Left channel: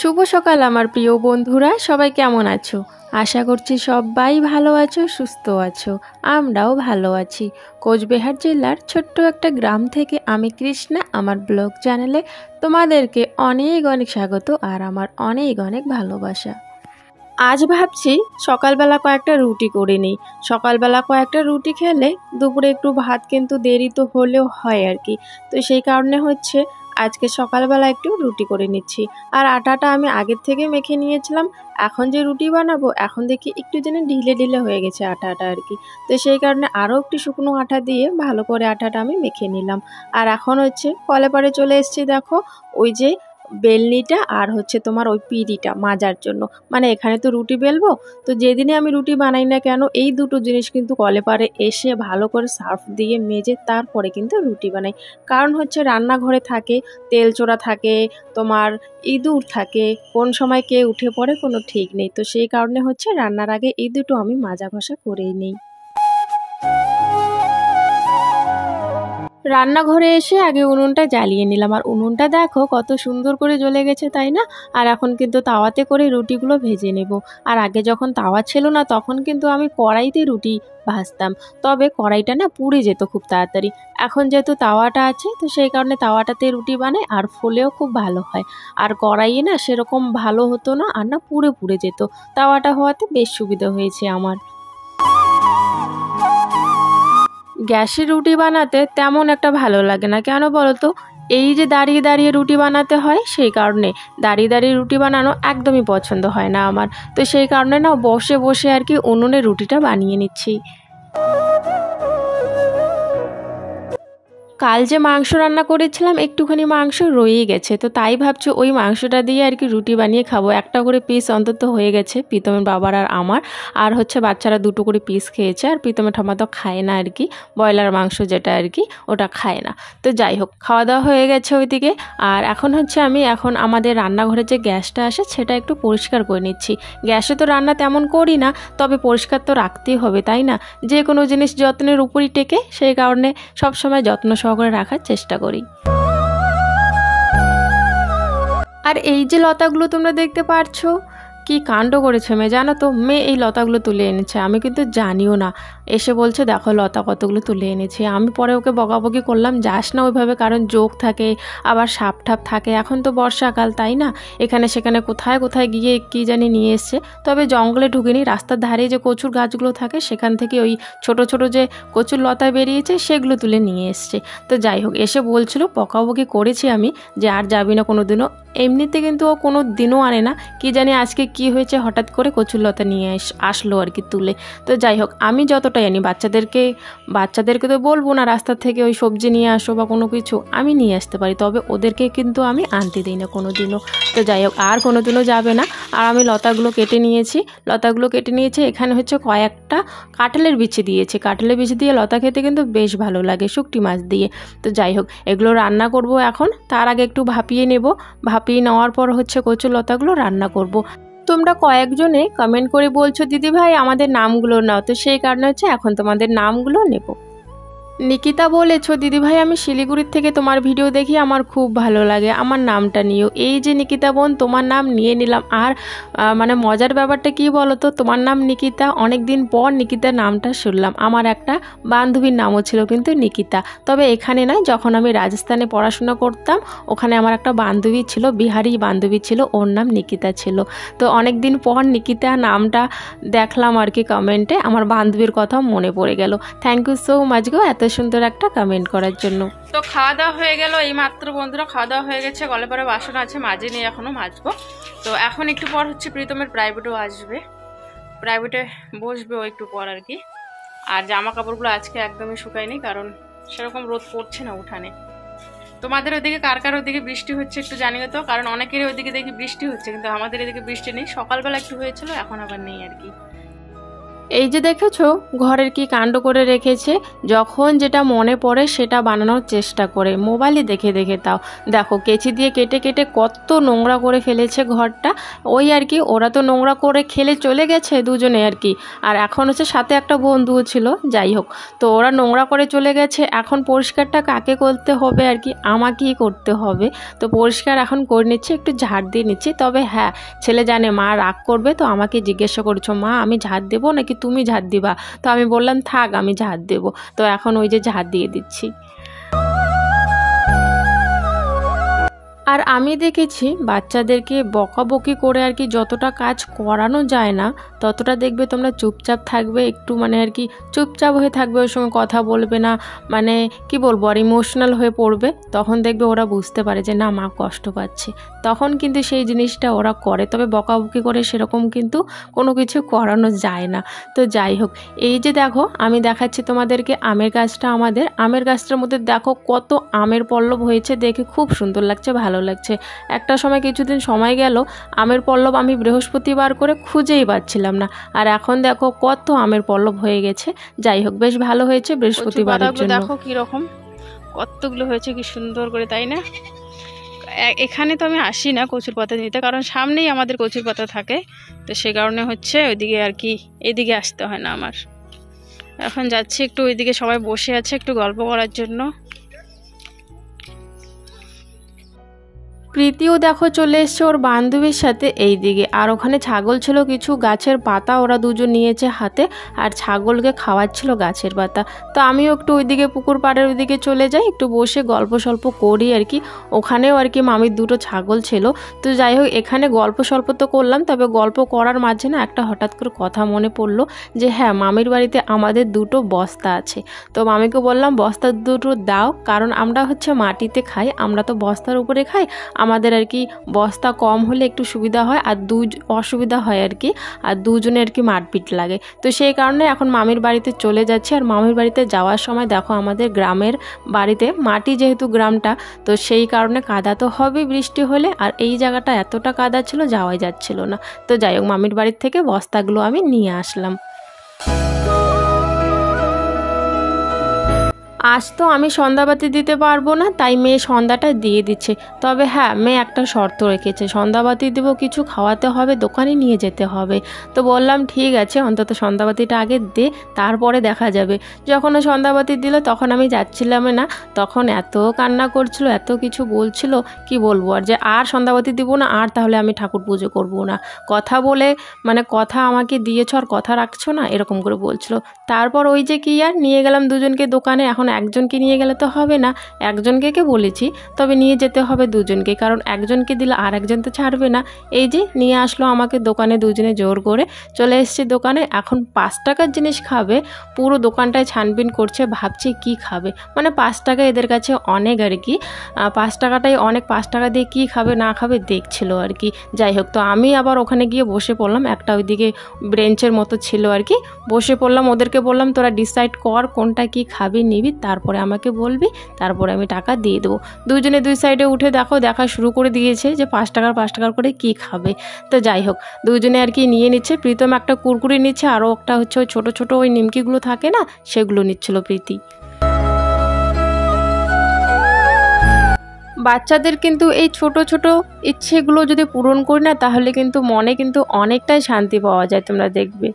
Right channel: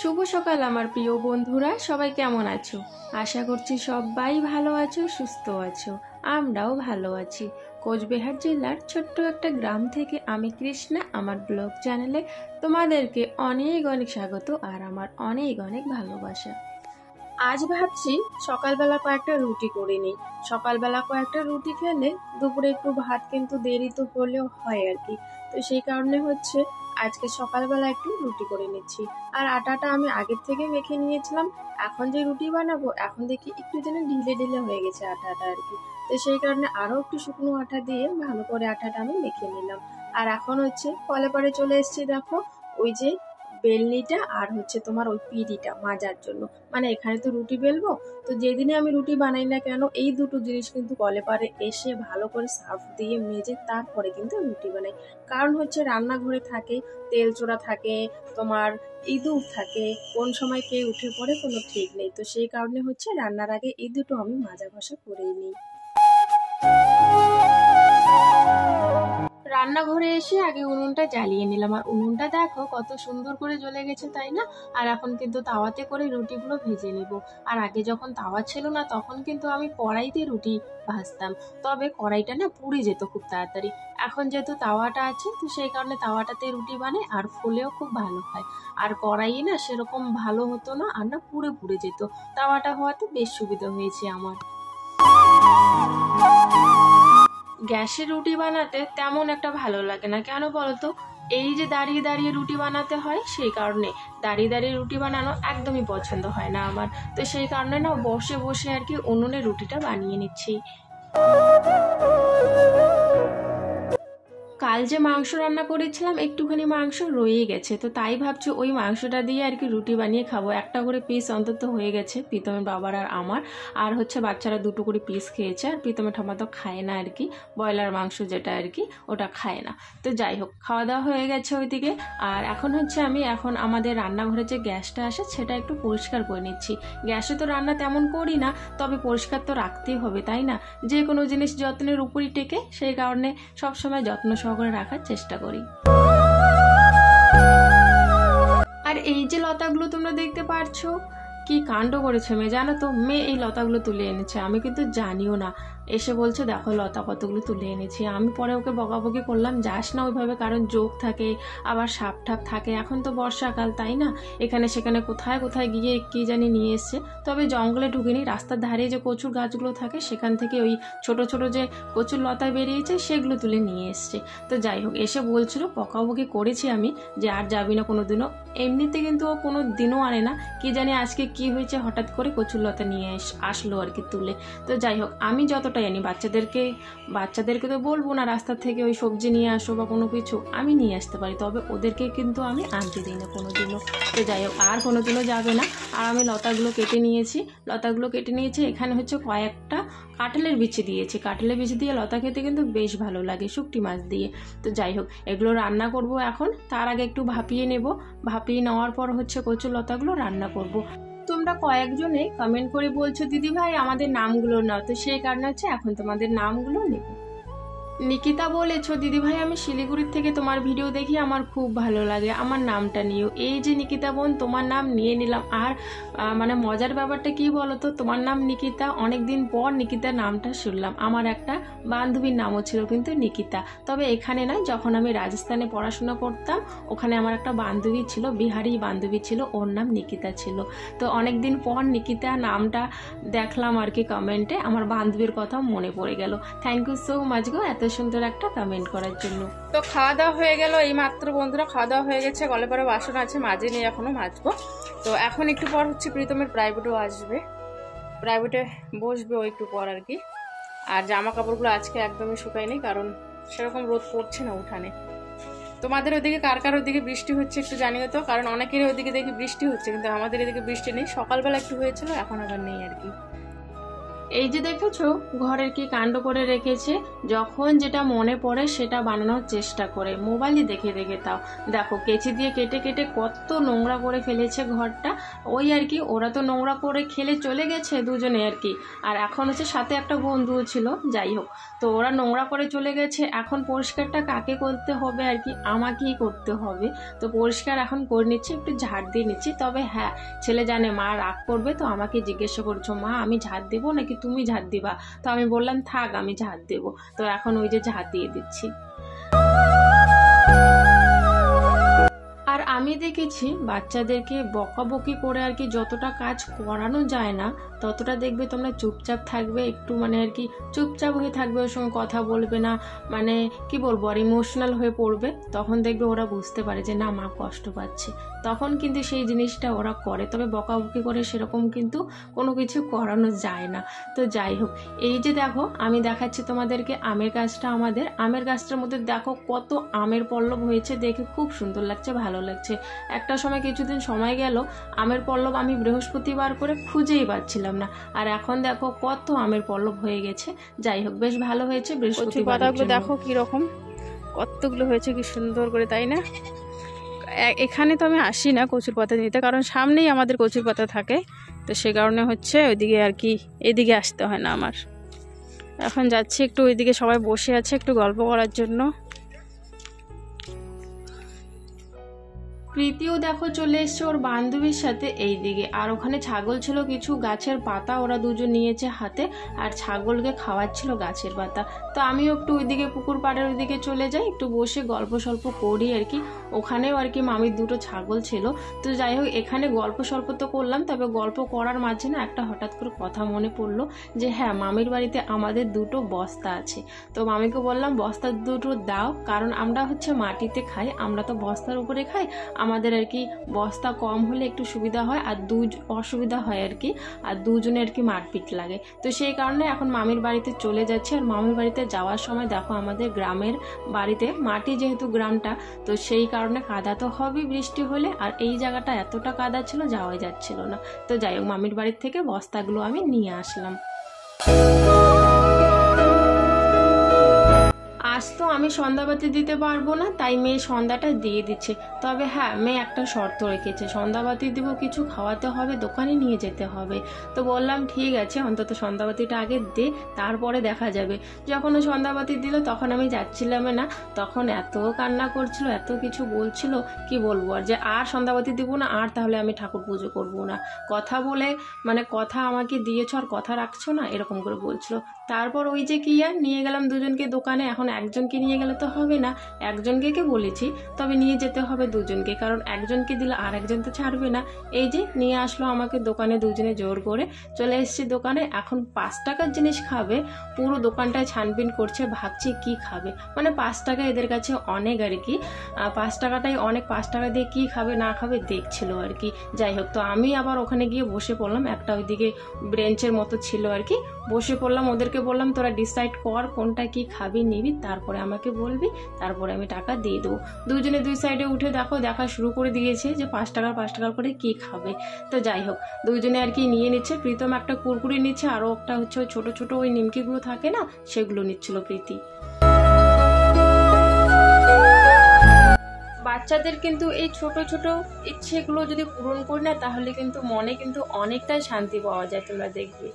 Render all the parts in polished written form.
শুভ সকাল আমার প্রিয় বন্ধুরা, সবাই কেমন আছো? আশা করছি সবাই ভালো আছো, সুস্থ আছো। আমরাও ভালো আছি। কোচবিহার জেলার ছোট্ট একটা গ্রাম থেকে আমি কৃষ্ণা আমার ব্লগ চ্যানেলে তোমাদেরকে অনেক অনেক স্বাগত আর আমার অনেক অনেক ভালোবাসা। আজ ভাবছি সকালবেলা কয়েকটা রুটি করে নিই। সকালবেলা কয়েকটা রুটি খেলে দুপুরে একটু ভাত কিন্তু দেরি তো হলেও হয় আর কি। তো সেই কারণে হচ্ছে আজকে সকালবেলা একটু রুটি করে নিচ্ছি। আর আটাটা আমি আগের থেকে মেখে নিয়েছিলাম। এখন যে রুটি বানাবো এখন দেখি একটু যেন ঢিলে ঢিলে হয়ে গেছে আটাটা আর কি। তো সেই কারণে আরও একটু শুকনো আটা দিয়ে ভালো করে আটাটা আমি মেখে নিলাম। আর এখন হচ্ছে কলে পারে চলে এসেছি, দেখো ওই যে বেলনিটা আর হচ্ছে তোমার ওই পিঁড়িটা মাজার জন্য। মানে এখানে তো রুটি বেলবো, তো যেদিনে আমি রুটি বানাই না কেন এই দুটো জিনিস কিন্তু কলে পারে এসে ভালো করে সার্ফ দিয়ে মেজে তারপরে কিন্তু রুটি বানাই। কারণ হচ্ছে রান্নাঘরে থাকে তেল চোরা থাকে, তোমার ইঁদুর থাকে, কোন সময় কে উঠে পড়ে কোনো ঠিক নেই। তো সেই কারণে হচ্ছে রান্নার আগে এই দুটো আমি মাজা ঘষা করেই নিই। রান্নাঘরে এসে আগে উনুনটা জ্বালিয়ে নিলাম। আর উনুনটা দেখো কত সুন্দর করে জ্বলে গেছে, তাই না? আর এখন কিন্তু তাওয়াতে করে রুটিগুলো ভেজে নেব। আর আগে যখন তাওয়া ছিল না তখন কিন্তু আমি কড়াইতে রুটি ভাজতাম, তবে কড়াইটা না পুড়ে যেত খুব তাড়াতাড়ি। এখন যেহেতু তাওয়াটা আছে তো সেই কারণে তাওয়াটাতে রুটি বানাই আর ফুলেও খুব ভালো হয়। আর কড়াইয়ে না সেরকম ভালো হতো না, আর না পুড়ে পুড়ে যেত। তাওয়াটা হওয়াতে বেশ সুবিধা হয়েছে আমার। গ্যাসে রুটি বানাতে তেমন একটা ভালো লাগে না, কেন বলো তো? এই যে দাঁড়িয়ে দাঁড়িয়ে রুটি বানাতে হয়, সেই কারণে দাঁড়িয়ে দাঁড়িয়ে রুটি বানানো একদমই পছন্দ হয় না আমার। তো সেই কারণে না বসে বসে আর কি উনুনে রুটিটা বানিয়ে নিচ্ছি। কাল যে মাংস রান্না করেছিলাম একটুখানি মাংস রয়েই গেছে, তো তাই ভাবছি ওই মাংসটা দিয়ে আর কি রুটি বানিয়ে খাবো। একটা করে পিস অন্তত হয়ে গেছে প্রীতমের বাবার আর আমার। আর হচ্ছে বাচ্চারা দুটো করে পিস খেয়েছে, আর প্রীতমের ঠাম্মা তো খায় না আর কি, ব্রয়লার মাংস যেটা আর কি ওটা খায় না। তো যাই হোক, খাওয়া দাওয়া হয়ে গেছে ওইদিকে। আর এখন হচ্ছে আমি আমাদের রান্নাঘরে যে গ্যাসটা আসে সেটা একটু পরিষ্কার করে নিচ্ছি। গ্যাসে তো রান্না তেমন করি না, তবে পরিষ্কার তো রাখতেই হবে, তাই না? যে কোনো জিনিস যত্নের উপরই টেকে, সেই কারণে সবসময় যত্ন সহকারে রাখার চেষ্টা করি। আর এই যে লতাগুলো তোমরা দেখতে পারছো, কি কাণ্ড করেছে মেয়ে জানো তো? মেয়ে এই লতাগুলো তুলে এনেছে, আমি কিন্তু জানিও না। এসে বলছে দেখো লতা কতগুলো তুলে এনেছি। আমি পরে ওকে বকাবকি করলাম, যাস না ওইভাবে, কারণ জোক থাকে আবার সাপ ঠাপ থাকে। এখন তো বর্ষাকাল, তাই না? এখানে সেখানে কোথায় কোথায় গিয়ে কি জানি নিয়ে এসছে। তবে জঙ্গলে ঢুকিনি, রাস্তার ধারে যে কচুর গাছগুলো থাকে সেখান থেকে ওই ছোট ছোট যে কচুর লতা বেরিয়েছে সেগুলো তুলে নিয়ে এসছে। তো যাই হোক, এসে বলছিল, বকাবকি করেছি আমি যে আর যাবি না কোনো দিনও। এমনিতে কিন্তু ও কোনো দিনও আনে না, কি জানি আজকে কি হয়েছে হঠাৎ করে কচুর লতা নিয়ে আসলো আর কি তুলে। তো যাই হোক, আমি যতটা জানি বাচ্চাদেরকে তো বলবো না রাস্তা থেকে ওই সবজি নিয়ে আসো বা কোনো কিছু, আমি নিয়ে আসতে পারি, তবে ওদেরকে কিন্তু আমি আনতে দিই না কোনো দিনও। তো যাই হোক, আর কোনো দিনও যাবে না। আর আমি লতাগুলো কেটে নিয়েছি। এখানে হচ্ছে কয়েকটা কাঁঠালের বিচি দিয়েছি। কাঁঠালের বিচি দিয়ে লতা খেতে কিন্তু বেশ ভালো লাগে শুকটি মাছ দিয়ে। তো যাই হোক, এগুলো রান্না করব এখন। তার আগে একটু ভাপিয়ে নেব। ভাপিয়ে নেওয়ার পর হচ্ছে কচুর লতাগুলো রান্না করব। তোমরা কয়েকজনে কমেন্ট করে বলছো দিদি ভাই আমাদের নামগুলো নাও, তো সেই কারণে হচ্ছে এখন তোমাদের নামগুলো নেব। নিকিতা বলেছো দিদিভাই আমি শিলিগুড়ির থেকে তোমার ভিডিও দেখি, আমার খুব ভালো লাগে, আমার নামটা নিও। এই যে নিকিতা বোন, তোমার নাম নিয়ে নিলাম। আর মানে মজার ব্যাপারটা কি বলো তো, তোমার নাম নিকিতা, অনেক দিন পর নিকিতার নামটা শুনলাম। আমার একটা বান্ধবীর নামও ছিল কিন্তু নিকিতা, তবে এখানে নয়, যখন আমি রাজস্থানে পড়াশোনা করতাম ওখানে আমার একটা বান্ধবী ছিল, বিহারি বান্ধবী ছিল, ওর নাম নিকিতা ছিল। তো অনেক দিন পর নিকিতা নামটা দেখলাম আর কি কমেন্টে, আমার বান্ধবীর কথা মনে পড়ে গেল। থ্যাংক ইউ সো মাচ গো এত সুন্দর একটা কমেন্ট করার জন্য। তো খাওয়া দাওয়া হয়ে গেল এই মাত্র বন্ধুরা, খাওয়া দাওয়া হয়ে গেছে। গলে পরে বাসন আছে, মাজে নেই, এখনও মাজবো। তো এখন একটু পর হচ্ছে প্রীতমের প্রাইভেটও আসবে, প্রাইভেটে বসবে ও একটু পর আর কি। আর জামা কাপড়গুলো আজকে একদমই শুকায়নি, কারণ সেরকম রোদ পড়ছে না উঠানে। তোমাদের ওইদিকে কার কার ওইদিকে বৃষ্টি হচ্ছে একটু জানিও তো, কারণ অনেকেরই ওইদিকে দেখি বৃষ্টি হচ্ছে, কিন্তু আমাদের এদিকে বৃষ্টি নেই। সকালবেলা একটু হয়েছিল, এখন আবার নেই আর কি। এই যে দেখেছো ঘরের কি কাণ্ড করে রেখেছে, যখন যেটা মনে পড়ে সেটা বানানোর চেষ্টা করে, মোবাইলে দেখে দেখে। তাও দেখো কেচি দিয়ে কেটে কেটে কত নোংরা করে ফেলেছে ঘরটা। ওই আর কি, ওরা তো নোংরা করে খেলে চলে গেছে দুজনে আর কি, আর এখন হচ্ছে সাথে একটা বন্ধুও ছিল, যাই হোক। তো ওরা নোংরা করে চলে গেছে, এখন পরিষ্কারটা কাকে করতে হবে আর কি, আমাকেই করতে হবে। তো পরিষ্কার এখন করে নিচ্ছি, একটু ঝাড় দিয়ে নিচ্ছি। তবে হ্যাঁ, ছেলে জানে মা রাগ করবে, তো আমাকে জিজ্ঞাসা করছো মা আমি ঝাড় দেবো নাকি তুমি ঝাড় দিবা। তো আমি বললাম থাক আমি ঝাড় দেবো। তো এখন ওই যে ঝাড় দিয়ে দিচ্ছি। আর আমি দেখেছি বাচ্চাদেরকে বকাবকি করে আর কি যতটা কাজ করানো যায় না, ততটা দেখবে তোমরা চুপচাপ থাকবে, একটু মানে আর কি চুপচাপ হয়ে থাকবে, ওই সময় কথা বলবে না, মানে কি বলবো আর ইমোশনাল হয়ে পড়বে। তখন দেখবে ওরা বুঝতে পারে যে না মা কষ্ট পাচ্ছে, তখন কিন্তু সেই জিনিসটা ওরা করে। তবে বকাবকি করে সেরকম কিন্তু কোনো কিছু করানো যায় না। তো যাই হোক, এই যে দেখো আমি দেখাচ্ছি তোমাদেরকে আমের গাছটা, আমাদের আমের গাছটার মধ্যে দেখো কত আমের পল্লব হয়েছে, দেখে খুব সুন্দর লাগছে, ভালো লাগছে। একটা সময় কিছুদিন সময় গেল আমের পল্লব আমি বৃহস্পতিবার করে খুঁজেই পাচ্ছিলাম না, আর এখন দেখো কত আমের পল্লব হয়ে গেছে। যাই হোক বেশ ভালো হয়েছে বৃহস্পতিবার। দেখো কি রকম কতগুলো হয়েছে, কি সুন্দর করে, তাই না? এখানে তো আমি আসি না কচুর পাতা নিতে, কারণ সামনেই আমাদের কচুর পাতা থাকে, তো সে কারণে হচ্ছে ওইদিকে আর কি এদিকে আসতে হয় না আমার। এখন যাচ্ছি একটু ওইদিকে, সবাই বসে আছে একটু গল্প করার জন্য। প্রীতিও দেখো চলে এসছে ওর বান্ধবীর সাথে এই দিকে, আর ওখানে ছাগল ছিল, কিছু গাছের পাতা ওরা দুজন নিয়েছে হাতে, আর ছাগলকে খাওয়াচ্ছিল গাছের পাতা। তো আমিও একটু ওইদিকে পুকুর পাড়ের ওইদিকে চলে যাই, একটু বসে গল্প সল্প করি আর কি। ওখানেও আর কি মামির দুটো ছাগল ছিল। তো যাই হোক এখানে গল্প সল্প তো করলাম, তবে গল্প করার মাঝে না একটা হঠাৎ করে কথা মনে পড়লো যে হ্যাঁ মামির বাড়িতে আমাদের দুটো বস্তা আছে। তো মামিকে বললাম বস্তা দুটো দাও, কারণ আমরা হচ্ছে মাটিতে খাই, আমরা তো বস্তার উপরে খাই, আমাদের আর কি বস্তা কম হলে একটু সুবিধা হয়, আর অসুবিধা হয় আর কি, আর দুজনে আর কি মারপিট লাগে। তো সেই কারণে এখন মামির বাড়িতে চলে যাচ্ছি। আর মামির বাড়িতে যাওয়ার সময় দেখো আমাদের গ্রামের বাড়িতে মাটি, যেহেতু গ্রামটা, তো সেই কারণে কাদা তো হবে বৃষ্টি হলে, আর এই জায়গাটা এতটা কাদা ছিল যাওয়াই যাচ্ছিল না। তো যাই হোক মামির বাড়ির থেকে বস্তাগুলো আমি নিয়ে আসলাম। আজ তো আমি সন্ধ্যাবাতি দিতে পারবো না, তাই মেয়ে সন্ধ্যাটা দিয়ে দিচ্ছে। তবে হ্যাঁ মেয়ে একটা শর্ত রেখেছে, সন্ধ্যাবাতি দিব কিছু খাওয়াতে হবে, দোকানে নিয়ে যেতে হবে। তো বললাম ঠিক আছে অন্তত সন্ধ্যাবাতিটা আগে দে, তারপরে দেখা যাবে। যখন ও সন্ধ্যাবাতি দিল তখন আমি যাচ্ছিলাম না, তখন এত কান্না করছিল, এত কিছু বলছিল, কি বলবো আর, যে আর সন্ধ্যাবাতি দিব না, আর তাহলে আমি ঠাকুর পুজো করবো না, কথা বলে মানে কথা আমাকে দিয়েছ আর কথা রাখছো না, এরকম করে বলছিল। তারপর ওই যে কি আর নিয়ে গেলাম দুজনকে দোকানে। এখন একজনকে নিয়ে গেলে তো হবে না, একজনকে বলেছি, তবে নিয়ে যেতে হবে দুজনকে, কারণ একজনকে দিলে আর একজন তো ছাড়বে না। এই যে নিয়ে আসলো আমাকে দোকানে, দুজনে জোর করে চলে এসেছি দোকানে। এখন 5 টাকার জিনিস খাবে, পুরো দোকানটায় ছানবিন করছে, ভাবছি কি খাবে, মানে 5 টাকা এদের কাছে অনেক আর কি, 5 টাকাটাই অনেক, 5 টাকা দিয়ে কি খাবে না খাবে দেখছিল আর কি। যাই হোক তো আমি আবার ওখানে গিয়ে বসে পড়লাম, একটা ওইদিকে ব্রেঞ্চের মতো ছিল আর কি, বসে পড়লাম। ওদেরকে বললাম তোরা ডিসাইড কর কোনটা কি খাবি নিবি, তারপরে আমাকে বলবি, তারপরে আমি টাকা দিয়ে দেবো। দুজনে দুই সাইডে উঠে দেখা শুরু করে দিয়েছে যে 5 টাকার করে কি খাবে। তো যাই হোক দুজনে আর কি নিয়ে নিচ্ছে। প্রীতম একটা কুরকুরি নিচ্ছে, আরও একটা হচ্ছে ওই ছোটো ছোটো ওই নিমকিগুলো থাকে না, সেগুলো নিচ্ছিল প্রীতি। বাচ্চাদের কিন্তু এই ছোট ছোট ইচ্ছেগুলো যদি পূরণ করি না, তাহলে কিন্তু মনে কিন্তু অনেকটাই শান্তি পাওয়া যায়, তোমরা দেখবে।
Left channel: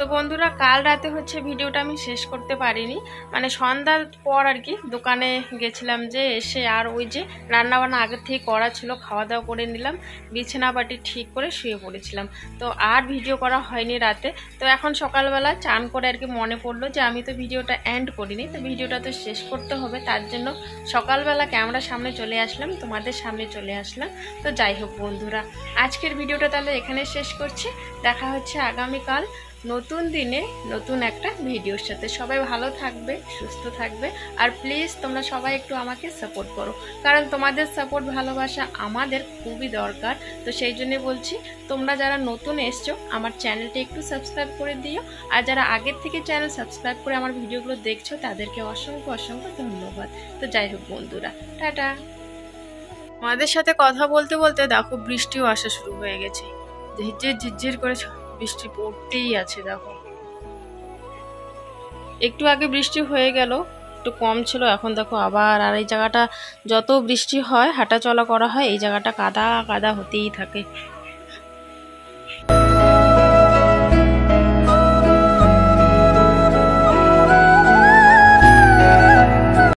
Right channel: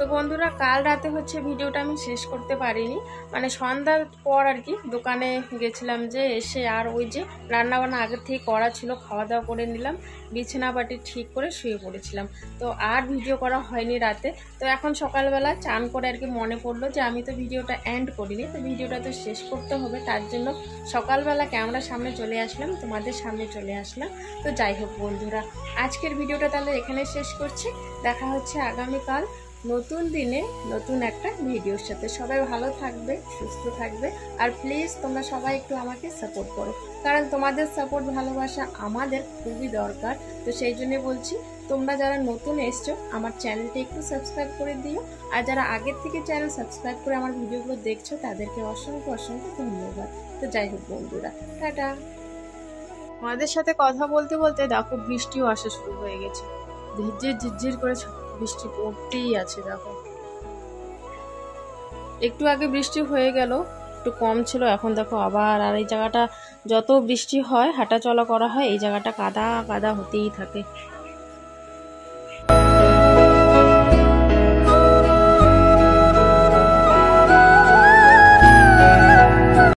তো বন্ধুরা কাল রাতে হচ্ছে ভিডিওটা আমি শেষ করতে পারিনি, মানে সন্ধ্যার পর আর কি দোকানে গেছিলাম, যে এসে আর ওই যে রান্নাবান্না আগের থেকে করা ছিল, খাওয়া দাওয়া করে নিলাম, বিছানা বাটি ঠিক করে শুয়ে পড়েছিলাম। তো আর ভিডিও করা হয়নি রাতে। তো এখন সকালবেলা চান করে আর কি মনে পড়লো যে আমি তো ভিডিওটা এন্ড করিনি, তো ভিডিওটা তো শেষ করতে হবে, তার জন্য সকালবেলা ক্যামেরার সামনে চলে আসলাম, তোমাদের সামনে চলে আসলাম। তো যাই হোক বন্ধুরা আজকের ভিডিওটা তাহলে এখানে শেষ করছি, দেখা হচ্ছে আগামীকাল নতুন দিনে নতুন একটা ভিডিওর সাথে। সবাই ভালো থাকবে, সুস্থ থাকবে, আর প্লিজ তোমরা সবাই একটু আমাকে সাপোর্ট করো, কারণ তোমাদের সাপোর্ট ভালোবাসা আমাদের খুবই দরকার। তো সেই জন্য বলছি তোমরা যারা নতুন এসছো আমার চ্যানেলটা একটু সাবস্ক্রাইব করে দিও, আর যারা আগের থেকে চ্যানেল সাবস্ক্রাইব করে আমার ভিডিওগুলো দেখছো তাদেরকে অসংখ্য অসংখ্য ধন্যবাদ। তো যাই হোক বন্ধুরা টাটা। আমাদের সাথে কথা বলতে বলতে দেখো বৃষ্টিও আসা শুরু হয়ে গেছে, ঝিরঝির ঝিরঝির করে বৃষ্টি পড়তেই আছে। দেখো একটু আগে বৃষ্টি হয়ে গেল, একটু কম ছিল, এখন দেখো আবার। আর এই জায়গাটা যত বৃষ্টি হয় হাঁটা চলা করা হয় এই জায়গাটা কাদা কাদা হতেই থাকে।